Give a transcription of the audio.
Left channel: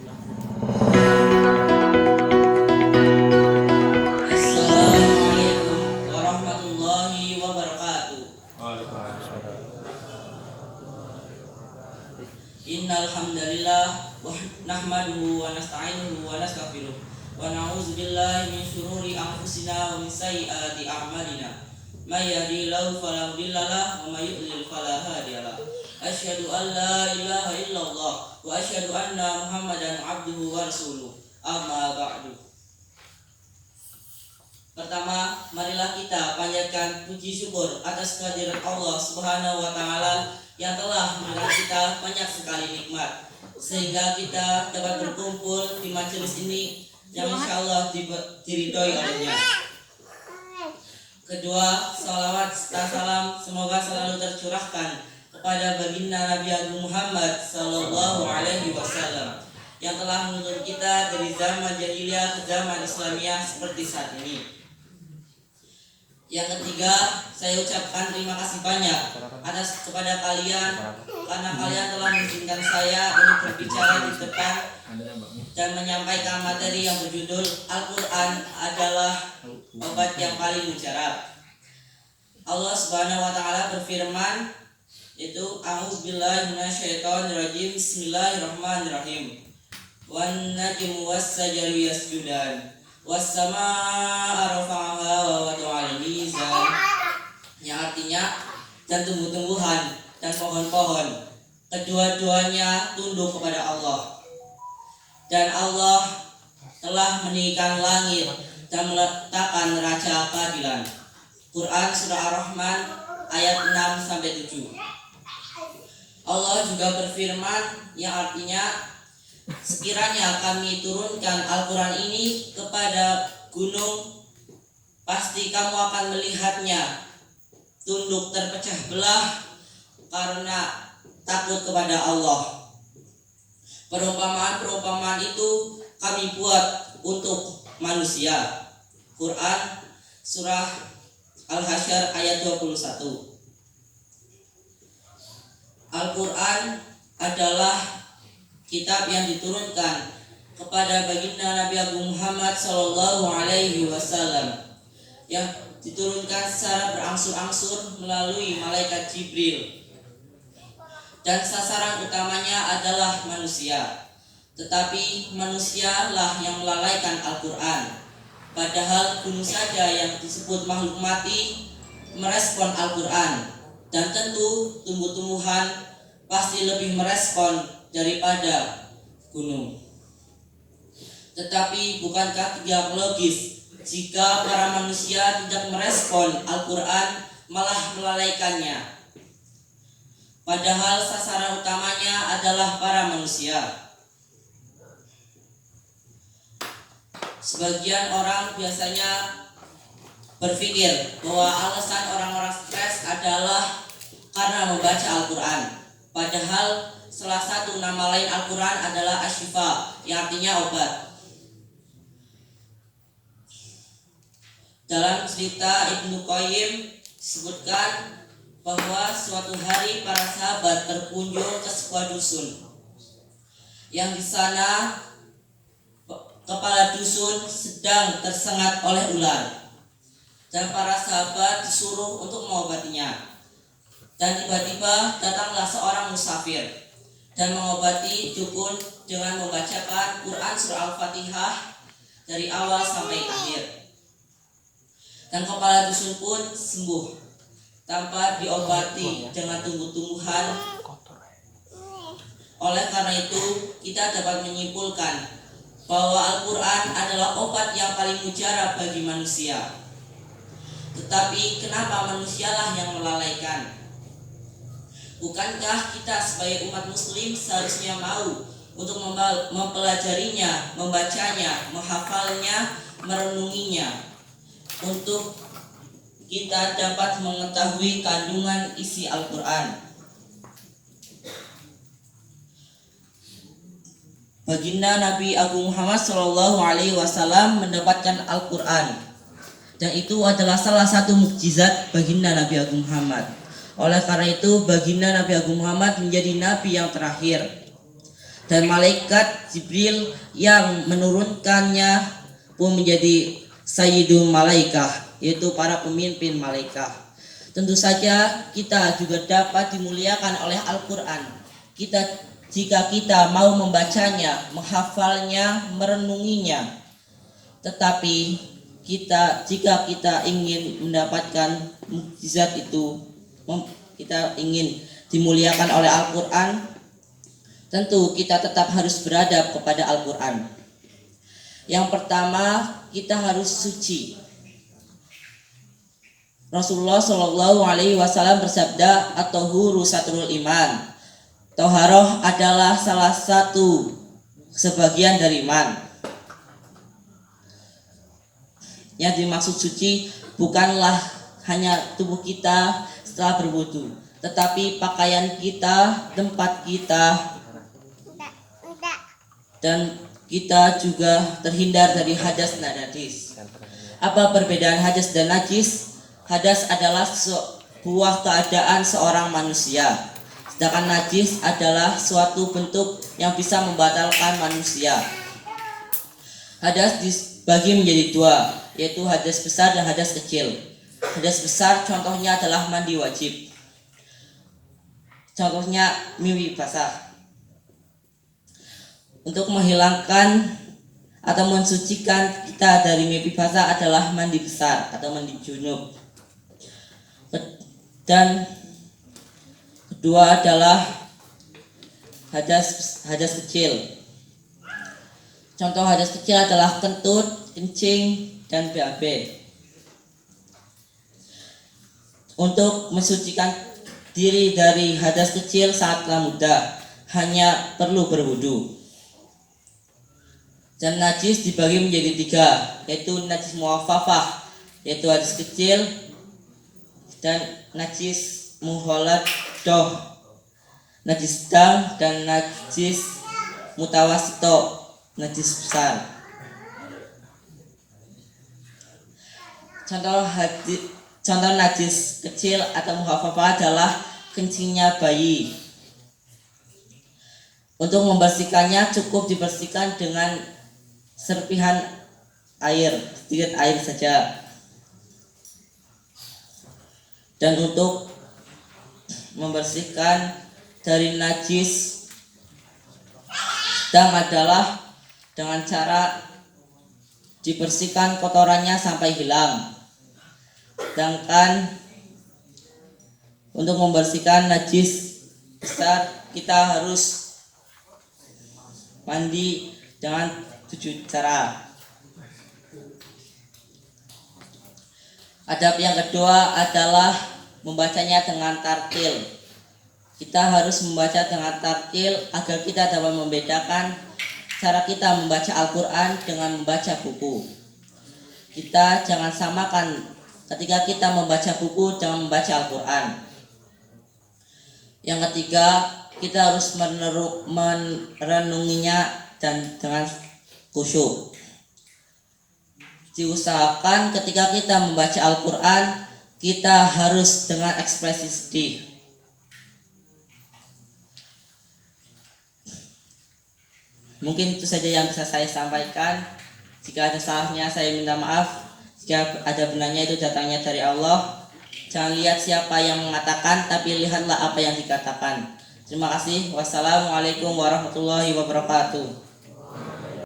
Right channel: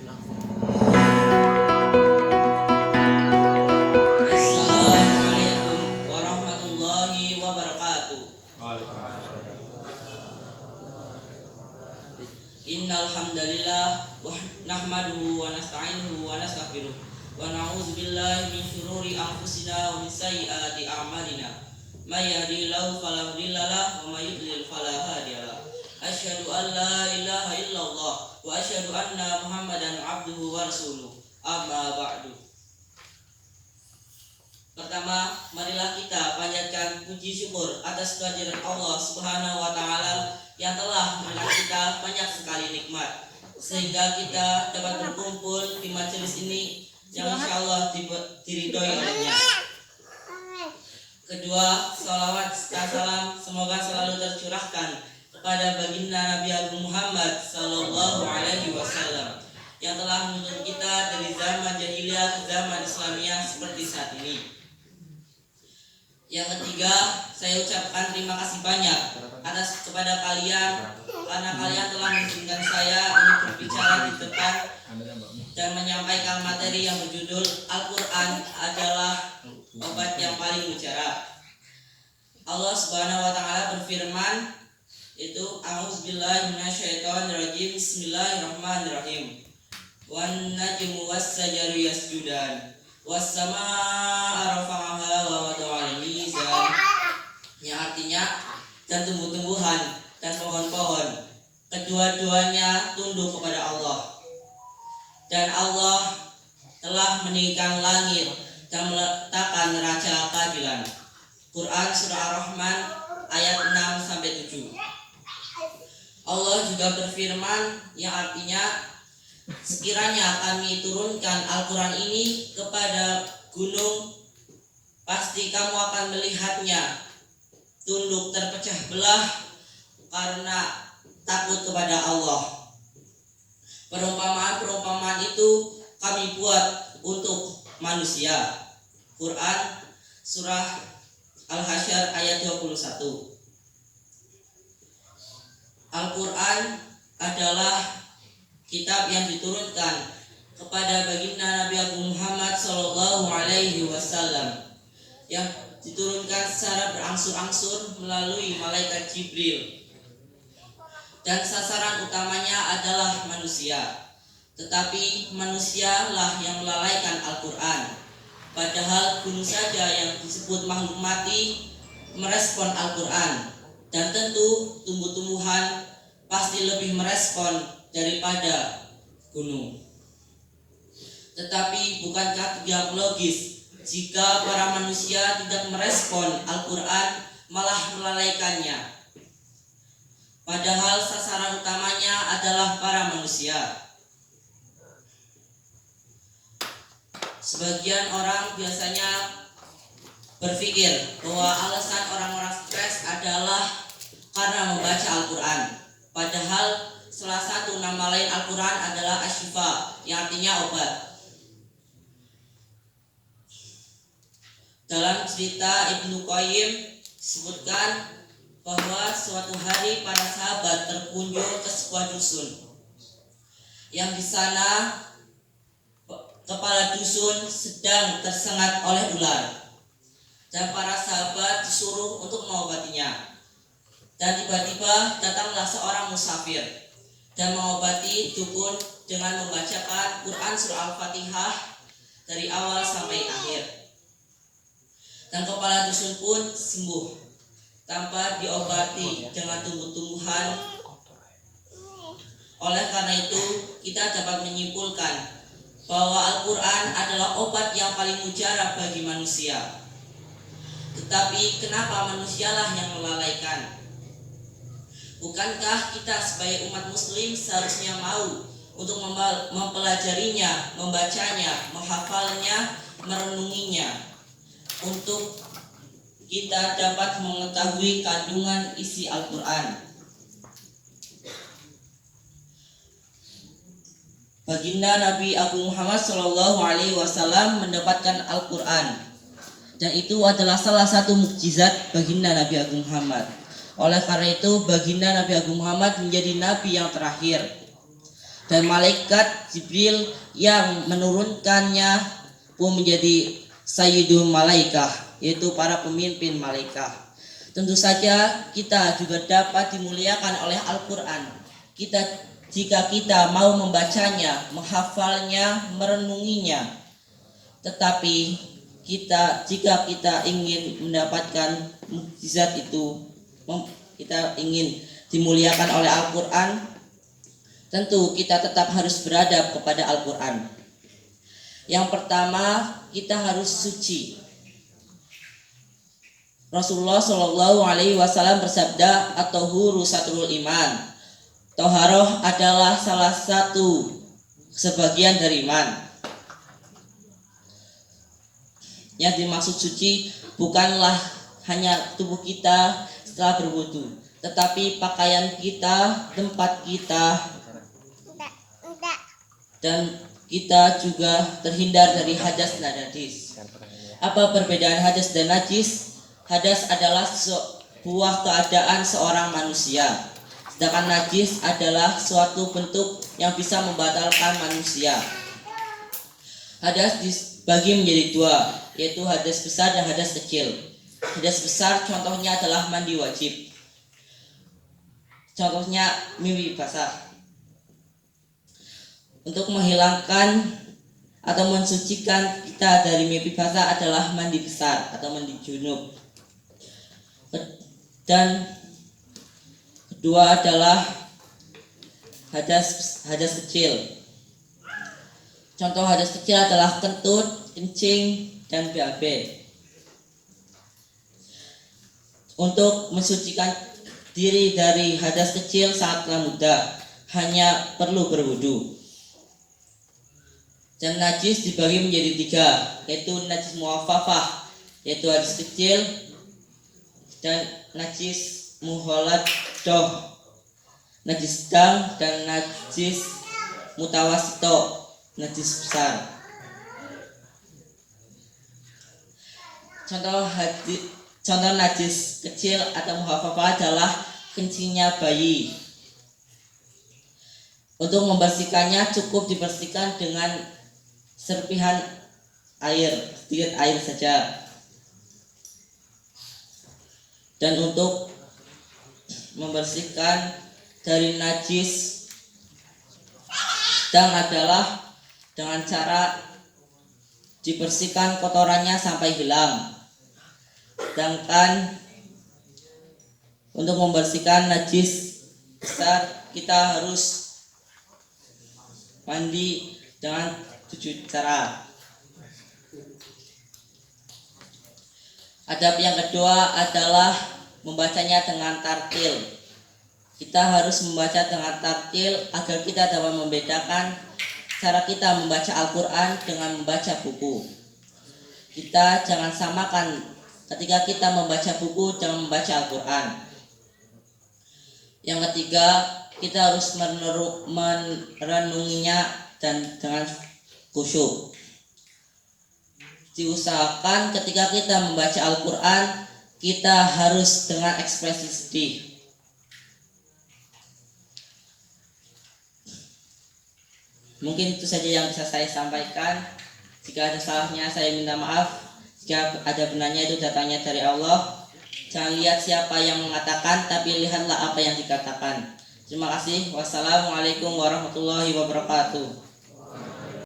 Assalamualaikum warahmatullahi wabarakatuh. Innal hamdalillah nahmaduhu wa nasta'inuhu wa nastaghfiruh wa na'udzu billahi min syururi anfusina wa min sayyiati a'malina. May yahdihillahu fala mudilla lahu wa may yudlil fala hadiya lahu. Asyhadu an la ilaha illallah wa asyhadu anna Muhammadan abduhu wa rasuluh. Amma ba'du. Pertama, marilah kita panjatkan puji syukur atas kehadiran Allah Subhanahu wa taala yang telah memberikan kita banyak sekali nikmat sehingga kita dapat berkumpul di majelis ini yang insyaallah diridhoi olehnya. Kedua, salawat serta salam semoga selalu tercurahkan kepada baginda Nabi Agung Muhammad sallallahu alaihi wasallam yang telah menuntun kita dari zaman jahiliyah ke zaman Islamiyah seperti saat ini. Yang ketiga, saya ucapkan terima kasih banyak atas kepada kalian karena kalian telah mengizinkan saya untuk berbicara di depan dan menyampaikan materi yang berjudul Al-Quran adalah obat yang paling mujarab. Allah Subhanahu wa taala berfirman, itu a'udzubillahi minasyaitonirrajim, bismillahirrahmanirrahim. Wan najmu was-sajaru yasjudan was-samaa'a rafa'aha wa wada'al mizan, yang artinya dan tumbuh-tumbuhan dan pohon-pohon kedua-duanya tunduk kepada Allah, dan Allah telah meninggikan langit dan meletakkan neraca keadilan. Quran surah Ar-Rahman ayat 6-7. Allah juga berfirman yang artinya, sekiranya kami turunkan Al-Quran ini kepada gunung, pasti kamu akan melihatnya tunduk terpecah belah karena takut kepada Allah. Perumpamaan-perumpamaan itu kami buat untuk manusia. Quran surah Al-Hasyr ayat 21. Al-Quran adalah kitab yang diturunkan kepada baginda Nabi Agung Muhammad sallallahu alaihi wasallam, yang diturunkan secara berangsur-angsur melalui malaikat Jibril, dan sasaran utamanya adalah manusia. Tetapi manusialah yang melalaikan Al-Quran, padahal gunung saja yang disebut makhluk mati merespon Al-Quran, dan tentu tumbuh-tumbuhan pasti lebih merespon daripada gunung. Tetapi bukankah tidak logis jika para manusia tidak merespon Al-Quran, malah melalaikannya, padahal sasaran utamanya adalah para manusia? Sebagian orang biasanya berpikir bahwa alasan orang-orang stres adalah karena membaca Al-Quran, padahal salah satu nama lain Al-Quran adalah Asy-Syifa, yang artinya obat. Dalam cerita Ibnu Qayyim disebutkan bahwa suatu hari para sahabat berkunjung ke sebuah dusun, yang di sana kepala dusun sedang tersengat oleh ular, dan para sahabat disuruh untuk mengobatinya. Dan tiba-tiba datanglah seorang musafir dan mengobati dukun dengan membacakan Quran surah Al-Fatihah dari awal sampai akhir. Dan kepala dusun pun sembuh tanpa diobati dengan tumbuh-tumbuhan. Oleh karena itu, kita dapat menyimpulkan bahwa Al-Quran adalah obat yang paling mujarab bagi manusia. Tetapi kenapa manusialah yang melalaikan? Bukankah kita sebagai umat muslim seharusnya mau untuk mempelajarinya, membacanya, menghafalnya, merenunginya, untuk kita dapat mengetahui kandungan isi Al-Quran. Baginda Nabi Agung Muhammad SAW mendapatkan Al-Quran, dan itu adalah salah satu mukjizat baginda Nabi Agung Muhammad. Oleh karena itu, baginda Nabi Agung Muhammad menjadi nabi yang terakhir. Dan malaikat Jibril yang menurunkannya pun menjadi Sayyidul Malaikah, yaitu para pemimpin malaikat. Tentu saja kita juga dapat dimuliakan oleh Al-Quran. Jika kita mau membacanya, menghafalnya, merenunginya. Tetapi jika kita ingin mendapatkan mukjizat itu, kita ingin dimuliakan oleh Al-Quran, tentu kita tetap harus beradab kepada Al-Quran. Yang pertama, kita harus suci. Rasulullah Shallallahu Alaihi Wasallam bersabda, "At-tahuru satrul iman." Toharoh adalah salah satu sebagian dari iman. Yang dimaksud suci bukanlah hanya tubuh kita setelah berwudu, tetapi pakaian kita, tempat kita, dan kita juga terhindar dari hadas dan najis. Apa perbedaan hadas dan najis? Hadas adalah sebuah keadaan seorang manusia, sedangkan najis adalah suatu bentuk yang bisa membatalkan manusia. Hadas dibagi menjadi dua, yaitu hadas besar dan hadas kecil. Hadas besar contohnya adalah mandi wajib. Contohnya mimpi basah. Untuk menghilangkan atau mensucikan kita dari mimpi basah adalah mandi besar atau mandi junub. Dan kedua adalah hadas kecil. Contoh hadas kecil adalah kentut, kencing, dan BAB. Untuk mensucikan diri dari hadas kecil sangatlah mudah, hanya perlu berwudu. Dan najis dibagi menjadi tiga, yaitu najis muaffafah, yaitu hadas kecil, dan najis muholadoh, najis sedang, dan najis mutawasito, najis besar. Contoh najis kecil atau muhafafah adalah kencingnya bayi. Untuk membersihkannya cukup dibersihkan dengan serpihan air, sedikit air saja. Dan untuk membersihkan dari najis sedang adalah dengan cara dibersihkan kotorannya sampai hilang. Sedangkan untuk membersihkan najis besar kita harus mandi dengan 7 cara. Adab yang kedua adalah membacanya dengan tartil. Kita harus membaca dengan tartil agar kita dapat membedakan cara kita membaca Al-Quran dengan membaca buku. Kita jangan samakan ketika kita membaca buku dengan membaca Al-Quran. Yang ketiga, kita harus merenunginya dan dengan khusyuk. Diusahakan ketika kita membaca Al-Quran, kita harus dengan ekspresi sedih. Mungkin itu saja yang bisa saya sampaikan. Jika ada salahnya saya minta maaf. Jika ada benarnya itu datangnya dari Allah. Jangan lihat siapa yang mengatakan, tapi lihatlah apa yang dikatakan. Terima kasih. Wassalamualaikum warahmatullahi wabarakatuh.